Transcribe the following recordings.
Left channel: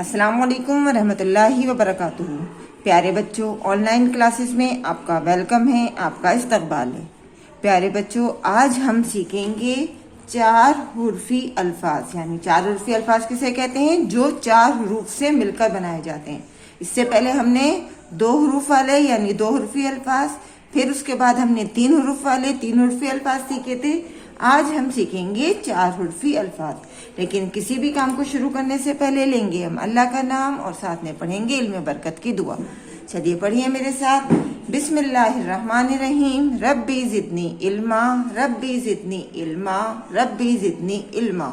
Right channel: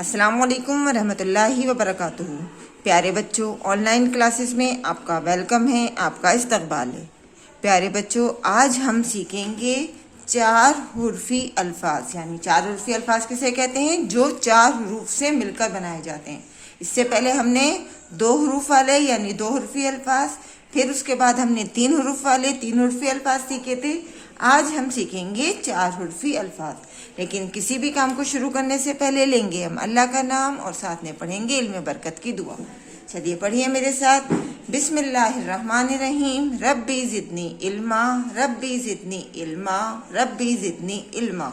अस्सलामुअलैकुम रहमतुल्लाहि व बरकातुहू। प्यारे बच्चों, ऑनलाइन क्लासेस में आपका वेलकम है, आपका इस्तकबाल है। प्यारे बच्चों, आज हम सीखेंगे चार हुर्फी अल्फाज। यानी चार हुर्फी अल्फाज किसे कहते हैं? जो चार हरूफ से मिलकर बनाए जाते हैं। इससे पहले हमने दो हरूफ वाले यानी दो हुर्फी अल्फाज, फिर उसके बाद हमने तीन हरूफ वाले तीन हुर्फी अल्फाज सीखे थे। आज हम सीखेंगे चार हुर्फी अल्फाज। लेकिन किसी भी काम को शुरू करने से पहले लेंगे हम अल्लाह का नाम और साथ में पढ़ेंगे इल्म बरकत की दुआ। चलिए पढ़िए मेरे साथ। बिस्मिल्लाहिर्रहमानिर्रहीम। रब्बी जिदनी इल्मा, रब्बी जिदनी इल्मा, रब्बी जिदनी इल्मा।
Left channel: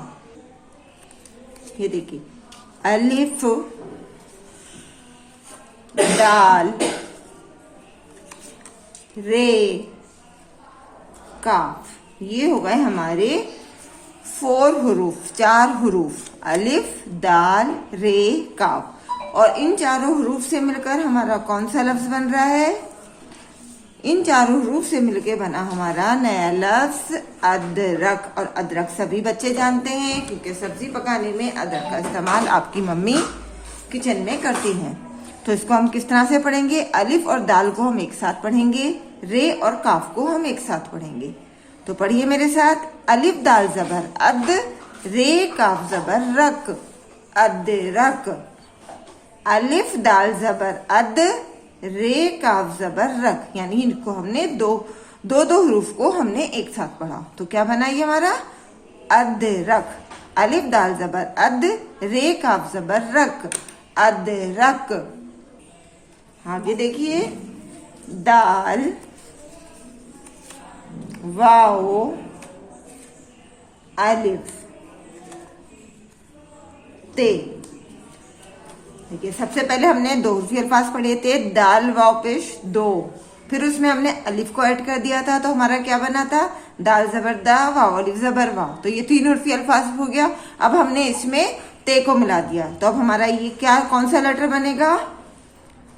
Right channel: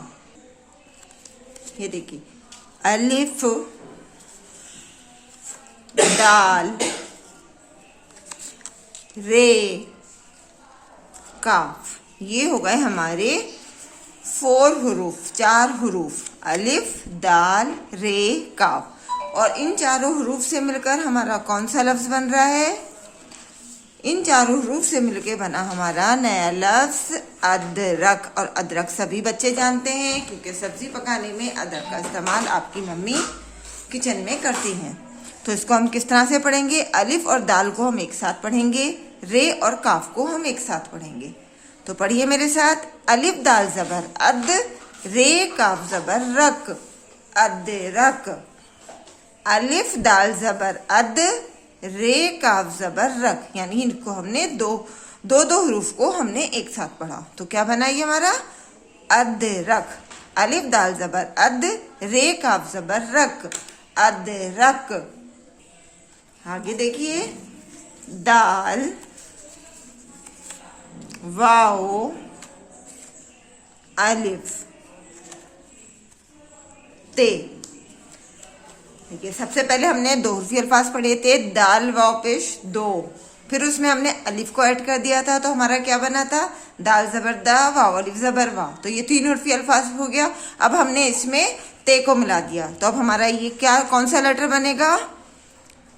ये देखिए, अलिफ, दाल, रे, काफ। ये हो गए हमारे फोर हुरूफ, चार हुरूफ। अलिफ, दाल, रे, काफ। और इन चारों हुरूफ से मिलकर हमारा कौन सा लफ्ज बन रहा है? इन चारों हुरूफ से मिलकर बना हमारा नया लफ्ज अदरक। और अदरक सभी बच्चे जानते हैं क्योंकि सब्जी पकाने में अदरक का इस्तेमाल आपकी मम्मी किचन में करती हैं। तो इसको हम किस तरह से पढ़ेंगे? अलिफ और दाल को हम एक साथ पढ़ेंगे, रे और काफ को हम एक साथ पढ़ेंगे। तो पढ़िए मेरे साथ। अलिफ दाल जबर अद, रे काफ जबर रक, अदरक। अलिफ दाल जबर अद, रे काफ जबर रक। यानी इनको हमने दो हरूफ को हमने एक साथ पढ़ा। तो क्या बना ये हमारा? अदरक। अलिफ दाल जबर अद, रे काफ जबर रक, अदरक। आगे देखिए, दाल, वाओ, अलिफ, ते। देखिए, सबसे पहले हमने दो हुर्फी अल्फाज पढ़े थे, दाल, वाओ, पेश, दो। फिर उसमें हमने अलिफ को ऐड कर दिया था, तो हमारा क्या बना था? दाल जबर दा, वाओ अलिफ जबर वाह। तो ये तीन हुर्फी अल्फाज हो गया। अब हमने इसमें ते को मिला दिया, तो अब हमारा ये क्या, कौन सा लेटर बनेगा,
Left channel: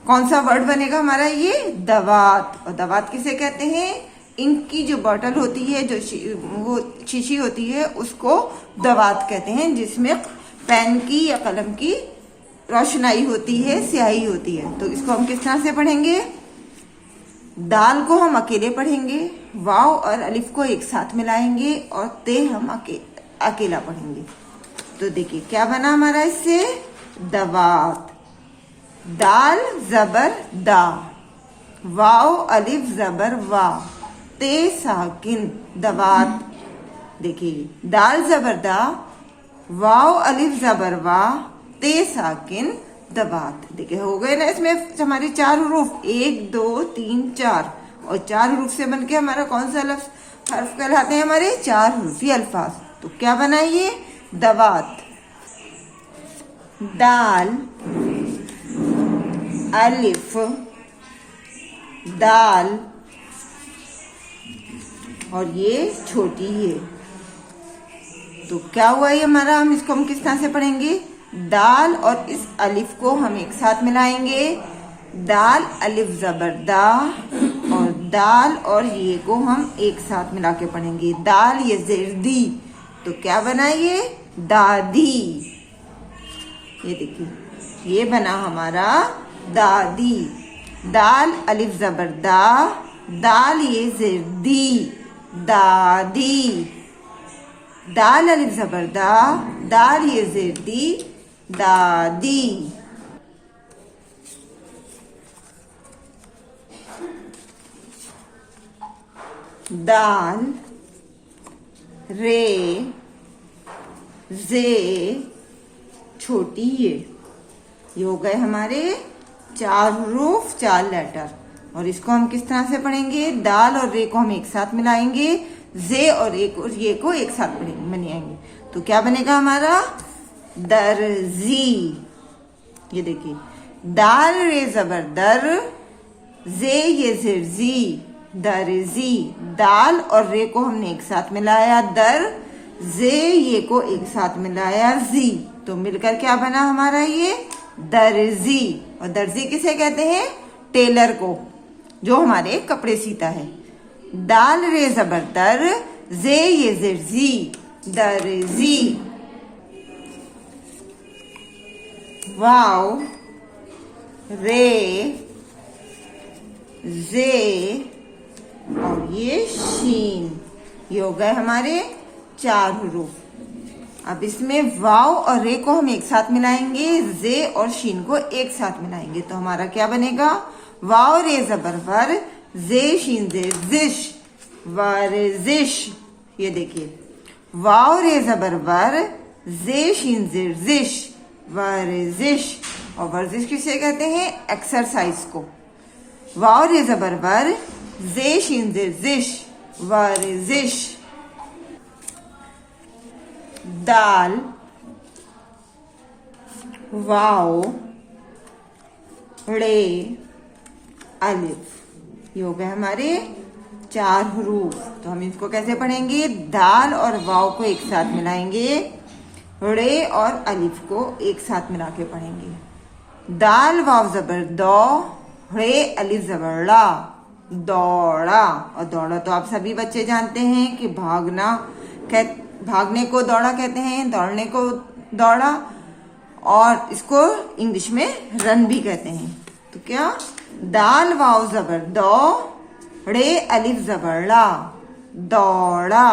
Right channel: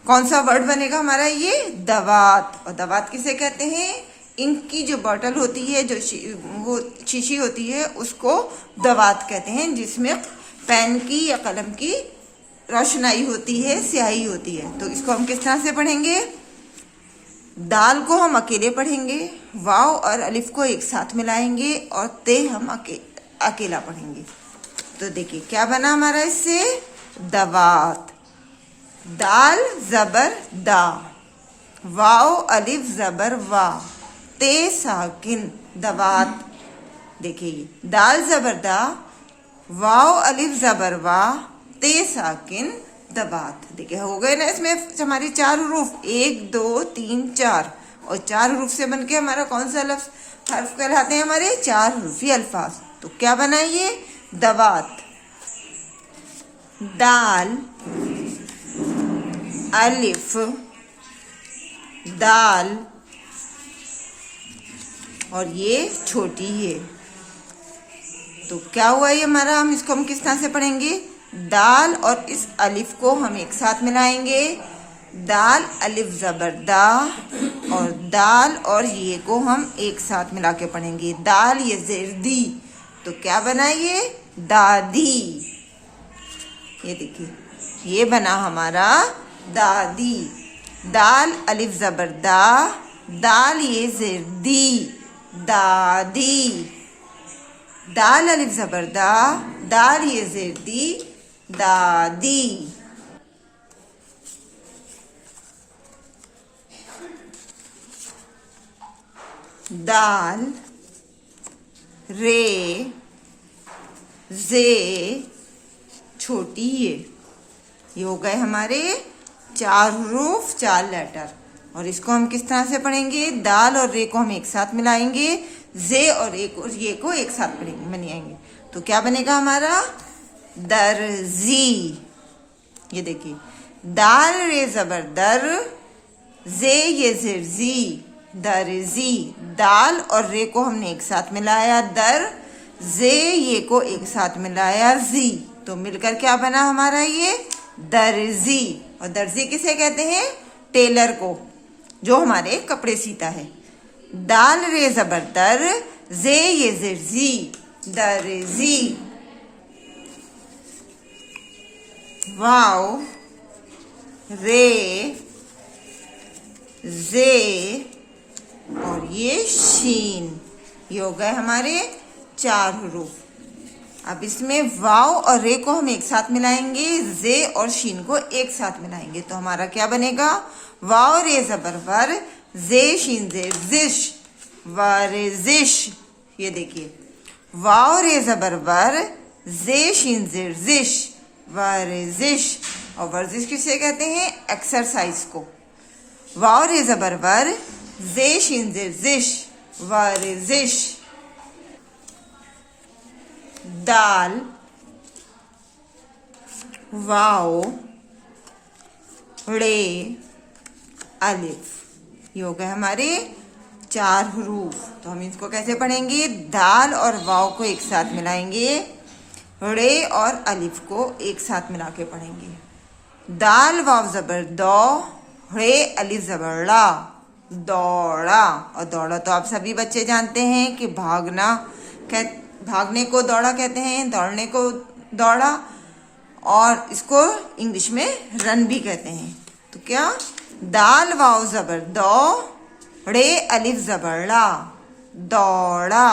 कौन सा वर्ड बनेगा हमारा? ये दवात। और दवात किसे कहते हैं? इंक की जो बॉटल होती है, जो वो शीशी होती है, उसको दवात कहते हैं, जिसमें पेन की या कलम की रोशनाई होती है, स्याही होती है। तो इसको हम किस तरह से पढ़ेंगे? दाल को हम अकेले पढ़ेंगे, वाव और अलिफ को एक साथ मिलाएंगे, और ते हम अकेला पढ़ेंगे। तो देखिए क्या बना हमारा इससे? दवात। दाल जबर दा, वाव अलिफ जबर वाह, ते साकिन, दवात। देखिए, दाल जबर दा, वाव अलिफ जबर वाह, ते साकिन, दवात। देखिए हो गए ना इसमें हमारी चार हुरूफ, 1 2 3 4। और चार हुरूफ से बनके हमारा कौन सा लफ्ज हर्फ कहलाते हैं? हमारे चार हुर्फी अल्फाज। तो क्या बना ये? दवात। दाल, अलिफ, दाल, और ये छोटी है। तो क्या हुआ ये हमारा? हम इसको हम किस तरह से पढ़ेंगे? दाल और इस अलिफ को हम एक साथ मिलाएंगे, दाल अलिफ जबर दा, और दाल और ये को हम एक साथ मिला के पढ़ेंगे, दाल ये जेर दी। तो क्या बना ये? दादी। ये देखिए, ये बना हमारा दादी। दाल अलिफ जबर दा, दाल ये जेर दी, दादी। दाल अलिफ जबर दा, दाल ये जेर दी, दादी। दाल, रे, जे, छोटी ये हो गए हमारे चार हुरूफ, चार लेटर। और इसको हम किस तरह से पढ़ेंगे? दाल और रे को हम एक साथ मिलाएंगे, जे और ये को एक साथ बनाएंगे। तो क्या बनेगा हमारा? दर्जी। ये देखिए, दाल रे जबर दर, जे ये जिरजी, दर्जी। दाल और रे को हमने एक साथ मिलाया, दर, जे ये को एक साथ मिलाया, जी। तो मिलकर क्या बना हमारा? ये दर्जी। और दर्जी किसे कहते हैं? टेलर को, जो हमारे कपड़े सीता है। दाल रे जबर दर, जे ये जिरजी, दर्जी। वाव, रे, जे और ये शीन। ये हो गए हमारे 4 हरूफ। अब इसमें वाव और रे को हम एक साथ मिलाएंगे, जे और शीन को एक साथ मिलाएंगे, तो हमारा क्या बनेगा? वाव रे जबर वर, जे शीन जेर जिश, वरजिश। ये देखिए, वाव रे जबर वर, जे शीन जेर जिश, वरजिश। और वर्जिश किसे कहते हैं? एक्सरसाइज को। वाव रे जबर वर, जे शीन जेर जिश, वरजिश। दाल, वाव, रे, अलिफ। ये हो गए हमारे 4 हरूफ। तो हम इसको कैसे पढ़ेंगे? दाल और वाव को एक साथ मिलाएंगे, रे और अलिफ को एक साथ मिला के पढ़ेंगे। दाल वाव जबर दौ, रे अलिफ जबर ला, दौड़ा। और दौड़ा तो आप सभी बच्चे जानते हैं कि भागने को दौड़ा कहते हैं, दौड़ने को दौड़ा, और इसको इंग्लिश में रन भी कहते हैं। तो क्या? दाल वाव जबर दौ, रे अलिफ जबर ला, दौड़ा।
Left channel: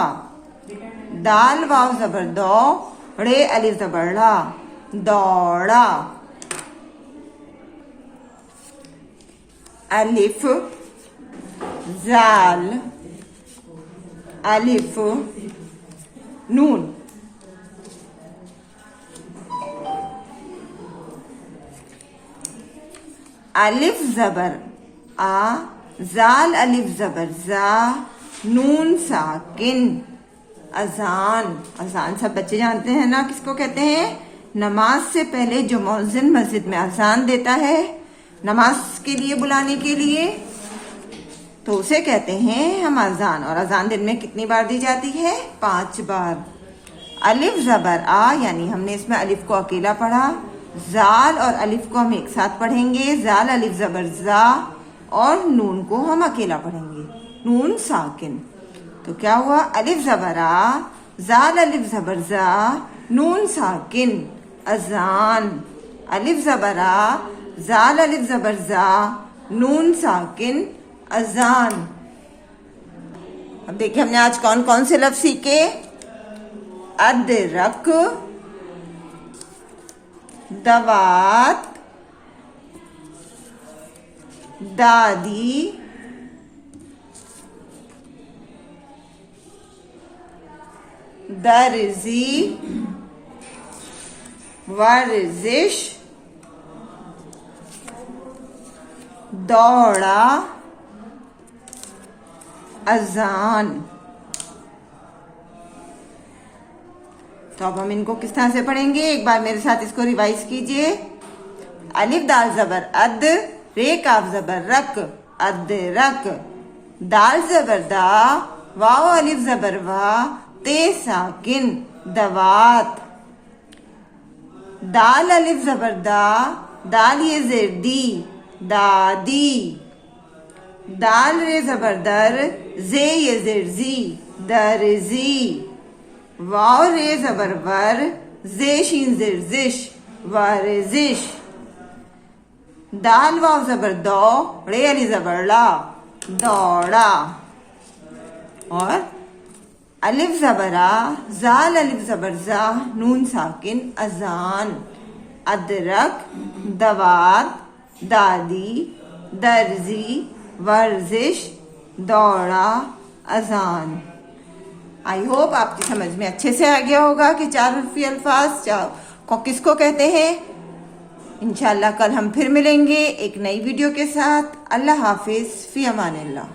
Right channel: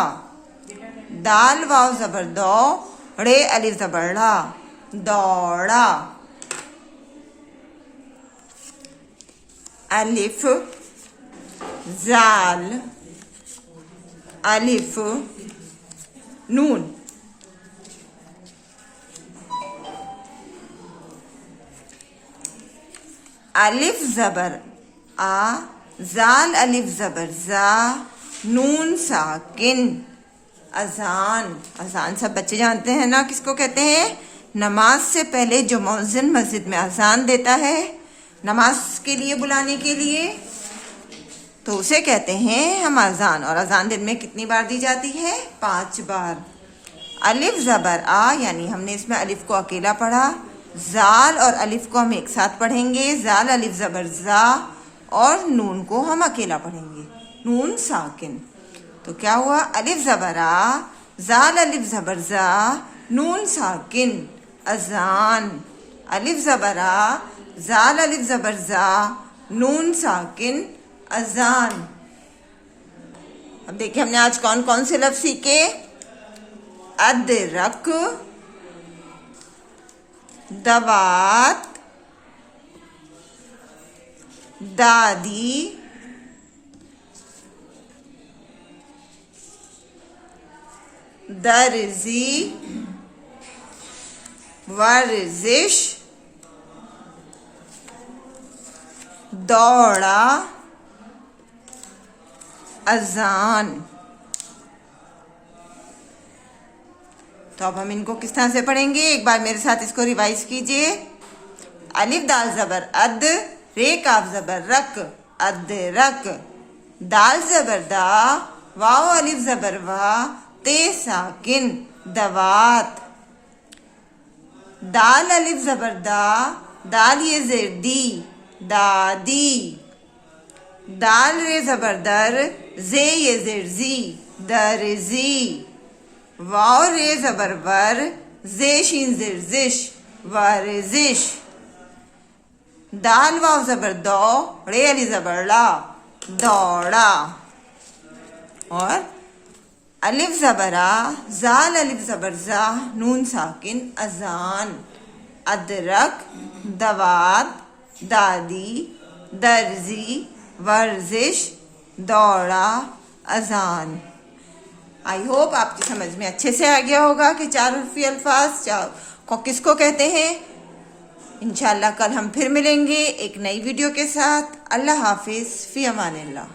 दाल वाव जबर दौ, रे अलिफ जबर ला, दौड़ा। अलिफ, जाल, अलिफ, नून। अलिफ जबर आ, जाल अलिफ जबर जा, नून साकिन। अजान। अजान सब बच्चे जानते हैं ना किसको कहते हैं? नमाज से पहले जो मौज़िन मस्जिद में अजान देता है नमाज के लिए बुलाने के लिए, तो उसे कहते हैं हम अजान। और अजान दिन में कितनी बार दी जाती है? 5 बार। अलिफ जबर आ, यानी हमने इसमें अलिफ को अकेला पढ़ा। जाल और अलिफ को हम एक साथ पढ़ेंगे, जाल अलिफ जबर जा, और नून को हम अकेला पढ़ेंगे, नून साकिन। तो क्या हुआ? अलिफ जबर आ, जाल अलिफ जबर जा, नून साकिन, अजान। अलिफ जबर आ, जाल अलिफ जबर जा, नून साकिन, अजान। अब देखिए हमने आज कौन कौन से लफ्ज सीखे? अदरक, दवात, दादी, दर्जी, वर्जिश, दौड़ा, अजान। तो अब हम इनको किस तरह से पढ़ेंगे? एक बार मेरे साथ इसको रिवाइज कीजिए। अलिफ दाल जबर अद, रे काफ जबर रक, अदरक। दाल जबर दा, वाव अलिफ जबर वा, ते साकिन, दवात। दाल अलिफ जबर दा, दाल ये जेर दी, दादी। दाल रे जबर दर, जे ये जेर जी, दर्जी। वाव रे जबर वर, जे शीन जेर जिश, वरजिश। दाल वाव जबर दौ, रे अली जबर ला, दौड़ा। और अलिफ जबरा, जाल अलिफ जबर जा, नून साकिन, अजान। अदरक, दवात, दादी, दर्जी, वर्जिश, दौड़ा, अजान। आई होप आपकी समझ में अच्छे से आ गया होगा कि 4 हर्फी अल्फाज को किसको कहते हैं। इंशाल्लाह कल हम फिर मिलेंगे एक नई वीडियो के साथ। अल्लाह हाफिज, फी अमानिल्लाह।